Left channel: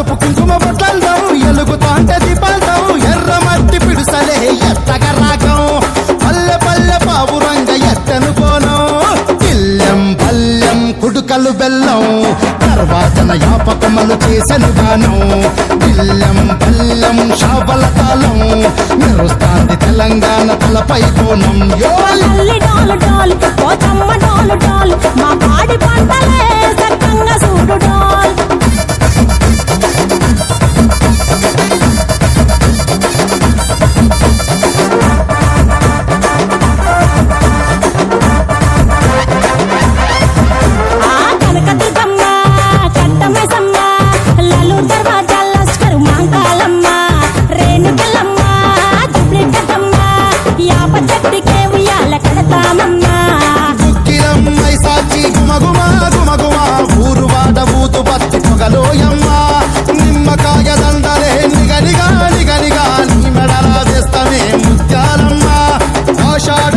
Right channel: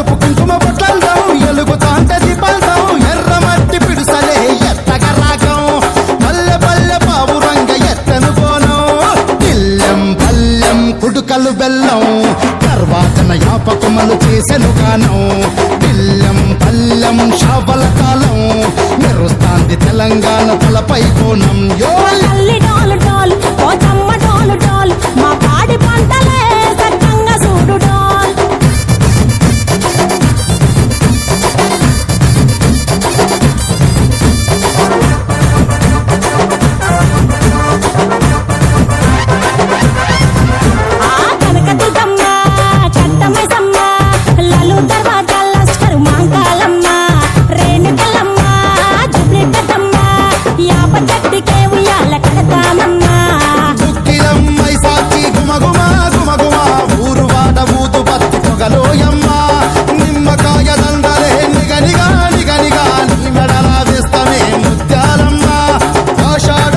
పసుపు కుంకుమ బొట్లల్దాం ఎలుగుతాంటే దీపాంతం ఎర్ర మట్టి పిడుసలే ఎత్తగ రాగం. పల్లె పల్లె పావురంగ ఎత్తను కోనం పిల్లం పల్లెం కుడుకలు బెల్లం తర్వాతన యాపకమలు చేసెను గానం. పిల్లెం పల్లెం షావల తాళం మెరుస్తాంది తెలంగాణ తలపై కోణం. యో డాల్ డోలు మా పాడి పంట కట్టమైసమ్మ లలు దర్వాజా లస్కరు మాంకాలమ్మ. రేణుకెళ్ళమ్మ జుబ్లికటమ్మ యాప చెట్టుకే ఉయ్యాల కడతామమ్మ దుక్కిలమ్మై సాచి గుమగుమ గుమగుమ ఊరు వాడ ఊతు పొగలోయమ్మ. నిమ్మకాయ దండలే నిగనిగా నిగనిగా. నీ మెడలా వేస్తమే ముత్యాలమ్మ. ఆషాఢ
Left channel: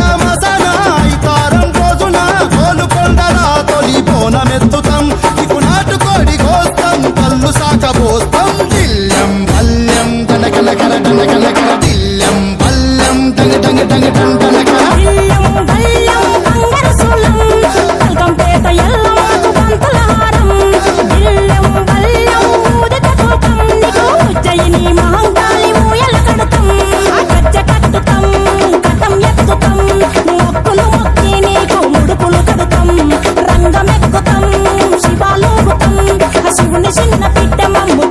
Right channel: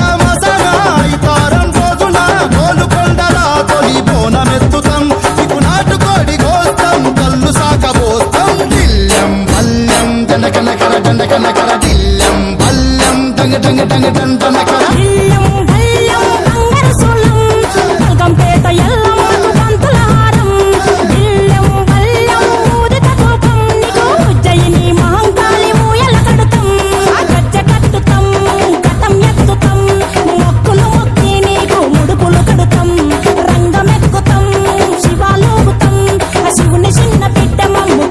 పోస్తాం కళ్ళు సాక పోస్తాం. దిల్లం బల్లం దండ కన కర దండకన కర. దిల్లం పల్లెం డంగ డంగ డంగ డంటన కర. మొక్కులు మొక్కి నీకు ముడుపులు కడుతాం. రంగమెక్కుతాం శివాలోకుతాం శివుని చిన్న బిడ్డ మమ్ము